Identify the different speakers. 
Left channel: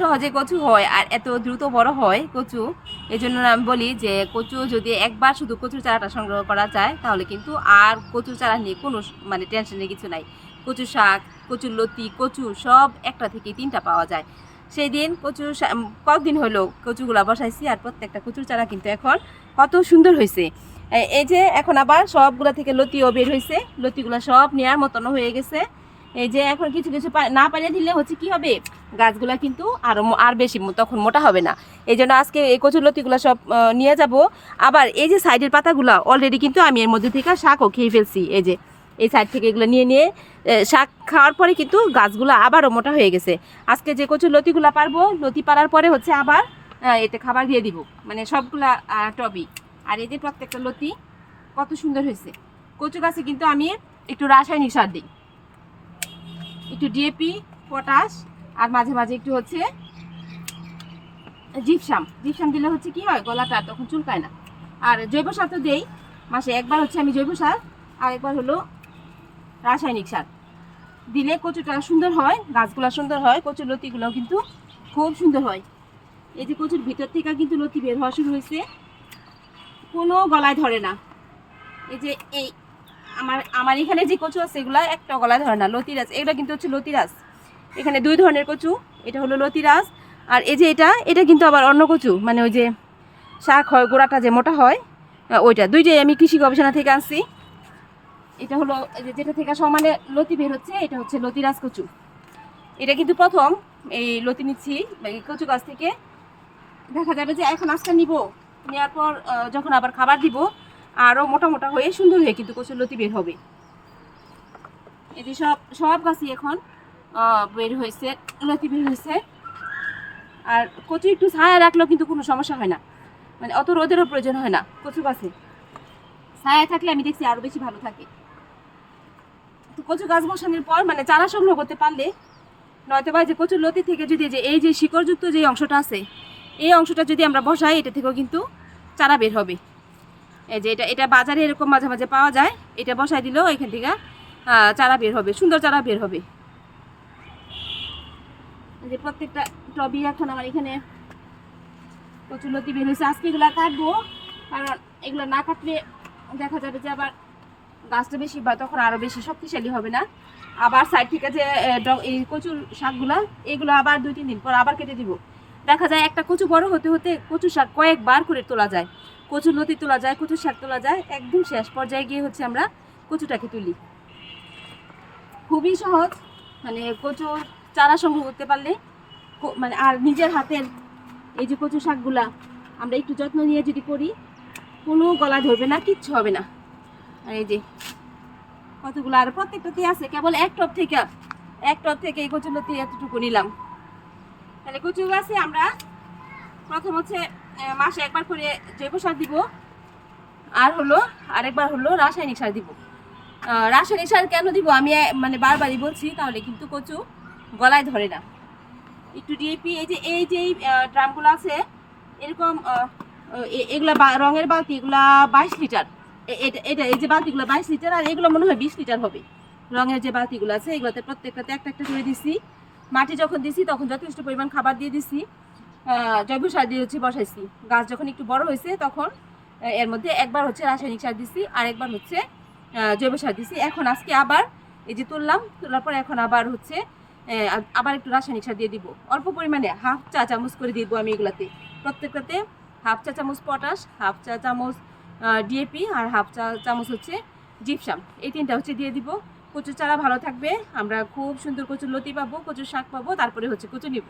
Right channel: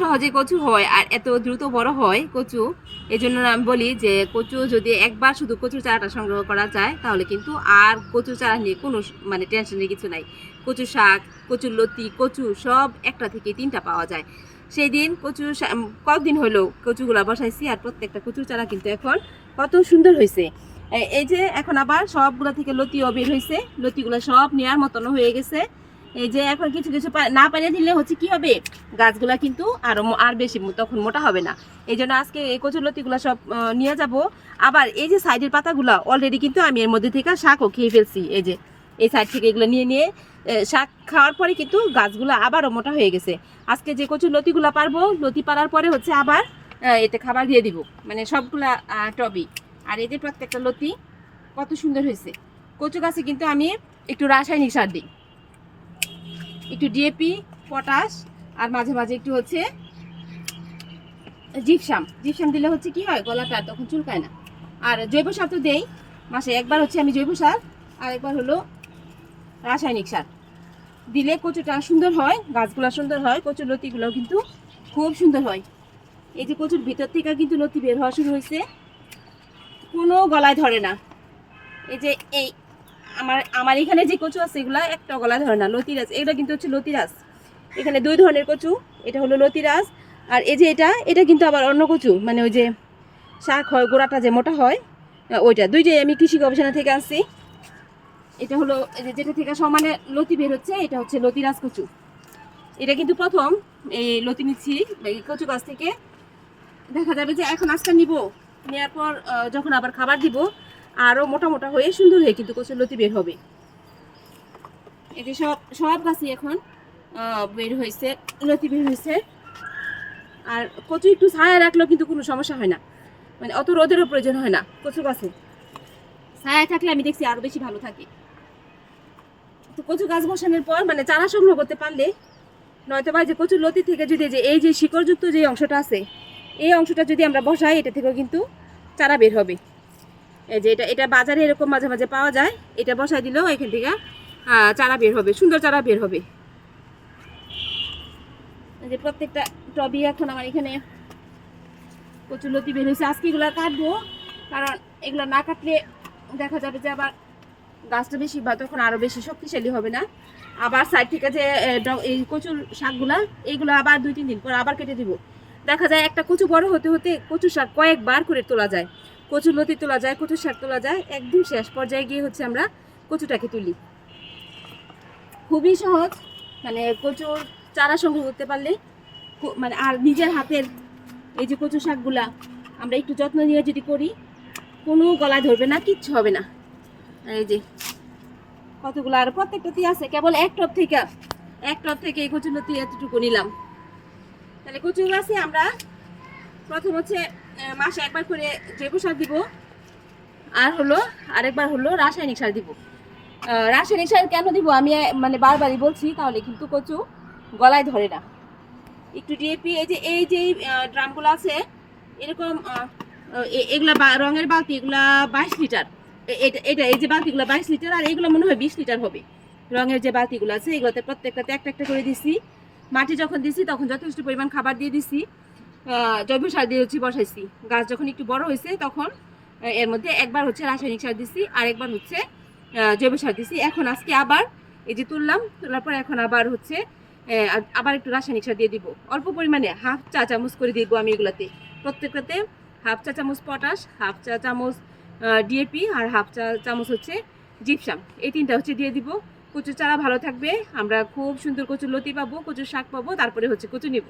Speaker 1: সহজে কচু হয় আর এত দ্রুত বড় হয় কচু। এই জন্য আমি বলি যে কচু যদি একবার শুধু কচুর চারাটা সংগ্রহ করা যায়, তাহলে কিন্তু আর কচুর চারা নিয়ে কোনো মানে টেনশনের কিছু নাই। কচু শাক, কচুর লতি, কচু সব একটা থেকে তিনটা পাওয়া যায়। সেই দিন কচু কতদিন হলো কচুগুলা বসাইছি আর প্রত্যেকটা কচুর চারা কিন্তু এখন কত সুন্দর হয়েছে এই যে এখন আবার সবগুলা থেকে লতিও বের হয়েছে লতিগুলো সব নেওয়ার মতন হয়ে গেছে। এই যে এখন কিছু কিছু না পারিয়ে দিলে হচ্ছে কি হবে? গাছগুলা কিন্তু আরও আর বেশি তখন মোটা হবে না। এই জন্য আজকে এই কচুর লতিগুলো সব নিয়ে যাব। আবার এই যে সাইডের পাতাগুলো অলরেডি কিন্তু আমি এর মধ্যে থেকে শাকও খেয়ে ফেলছি। এই যে, এই সাইড থেকে এগুলো নিয়ে নিয়ে শাক খাওয়ার পরে কিন্তু গাছগুলো আবারও মোটা হয়ে গেছে। আজকে যে কচুর লতিগুলো পারব, লতি পারার পরে হচ্ছে আবার এতে খাবার দিয়ে দিব। মানে সবগুলা টবি। আর যে প্রত্যেকটা লতি কত সুন্দর হয়েছে। কচু গাছে কিন্তু আমি একটু রাসায়নিক সার দিই। একটু ডিএপি পটাশ আর মাঝে মাঝে একটু হচ্ছে জিপসাম জিপসাম দিলে হচ্ছে কি হয়, গলাটা তখন চুলকায় না। আর জৈব সার তো দেই, মাসে একবার হচ্ছে আমি জৈব সার, আর একবার হলো রাসায়নিক সার। দিলে কচুটা সুন্দর হয়, গাছগুলো সুন্দর হয়, কচুর লতিগুলো কিন্তু খুব সুন্দর হয়। এই যে কচুর ভিতর থেকে কিন্তু লতি বের হওয়া শুরু হয়েছে, কোনো গলায় ধরে না। এই যে এই আমার আমার এখানে যে কচু আছে এগুলা একটা গলায় ধরে না, লতিরাজ। এগুলা কিন্তু হচ্ছে লতিরাজ। এখানে দুই ধরনের কচু, এটা হলো লতিরাজ, আর এই যে এটা এটা কিন্তু আবার অন্য কচু মানে ওই যে শাক হয়, গোড়াটা যে মোটা হয় ওইটা। দুইটাই আমি কৃষি গবেষণা থেকে আনছি। এটা হলো যেটা থেকে সমানে লতি বের হচ্ছে, এটা হচ্ছে লতিরাজ কচু। এটা কিন্তু প্রথম, এই লতি নিচ্ছি কচু গাছ থেকে। দেখা যাবে যে এখন আজকে নিব নেওয়ার পর যখন আবার খাবার দিব আরও মোটা মোটা হয়ে সুন্দর হয়ে কিন্তু কচুর লতি বের হবে। যে সব সব গাছই এখন বের হয়েছে লতি বের হয়েছে। আর কচু একটু ছায়া রাখলেও কিন্তু কোনো সমস্যা হয় না। মানে অত রোদেরও প্রয়োজন হয় না কচু গাছে। ছায়া থাকলে আমি দেখছি আরও বেশি ভালো থাকে। তো কচু গাছ বসানোর পর মানে চারা সংগ্রহ করতে পারলে নয়তো বা যে কচুর লতি থেকে যদি যে, এই যে শিকড়যুক্ত যে অংশটা আছে, এই অংশটা যদি আমরা বসাই, এটা থেকেও কিন্তু চারা বের হবে। এই যে এটা এটা বাজারে এরকম মাঝে মাঝে পাওয়া যায়। এটা বসাই দিলেও এখান থেকে চারা বের হবে, সুন্দর চারা বের হবে। যে প্রত্যেকটা টবি এখন আমার এখানে কচুলতি বের হয়েছে। আজকে এগুলা কাটবো, কারণ এগুলো না কাটলে দেখা যাবে যে আবার গাছটা বেশি বা তখন আরও বেশি শক্তিশালী হবে না। আবার সাইড থেকে যে এই কচুর শাকগুলা এইগুলো আবার দুই, তিন দিন পর আবার কেটে দিব। দেখা যায় একটা কচু বড় হতে হতে কচু শাক কয়েকবার করে তোলা যায়। কচু লতি তোলা যায় কচুর শাক তোলা যায়, একদম শেষ পর্যায়ে গিয়ে হচ্ছে আমরা কচুটাকে তুলি। খুবই সহজ মানে কচুর চারা সংগ্রহ করতে পারলে মানে আর নিজের হাতের এই যে কচু শাকগুলা আমরা একটু যত্ন নিয়ে যদি করি, কোনো গলায় ধরবে না, কিচ্ছু হবে না। এই যে কতগুলো, আর প্রত্যেকটাতেই আছে, কেবল এক টপ থেকে, এক টপ থেকে এই কচু লতি এতটুকু নিলাম। তাহলে কচু গাছে আমরা প্রথম হচ্ছে মাসে একবার করে জৈব সার দিব। আর হলো, আরেকবার হলো রাসায়নিক সার দিব। রাসায়নিক সার কেন দিব? আমি মানে বারবারই বলছি, তাহলে কিন্তু কচু গলায় ধরে না। একটু ডিএপি, এই যে এই যে ড্রামগুলো আছে, এরকম এগুলা রঙের বালতি এগুলা বাইশ লিটার। এটা এটা, এই যে বালতিগুলো বাইশ লিটার, আর এগুলো মনে হয় বিশ লিটার হবে। রঙের যে বালতিগুলো আছে, এগুলোতে প্রত্যেকটাতে একটা একটা করে দিছি। মাটি যখন দিছি, তখন যথেষ্ট পরিমাণ খাবার দিয়ে দিছি। জৈব সার দিয়ে হচ্ছে বসাইছি, গাছ যখন একটু বড় হয়েছে তখন এর মধ্যে একবার হচ্ছে রাসায়নিক সার দিছি আর একবার হচ্ছে জৈব সার দিছি। এখন আজকে আবার এই যে তুললাম, তোলার পর এখন আবার হচ্ছে আবার একটু রাসায়নিক সার দিয়ে দিব। অল্প পরিমাণে হাফ চা চামচ করে দিব আমি এগুলাতে। প্রত্যেকটাতে হাফ চা চামচ পটাশ, হাফ চা চামচ ডিএপি আর হাফ চা চামচ হচ্ছে জিপসাম। এই তিনটা হচ্ছে দিয়ে দিব। কচুর চারা ভালো থাকবে। আমরা খুব সুন্দর কচুর লতি পাবো, কচুর শাক পাবো, তারপরে হচ্ছে কচু নিব।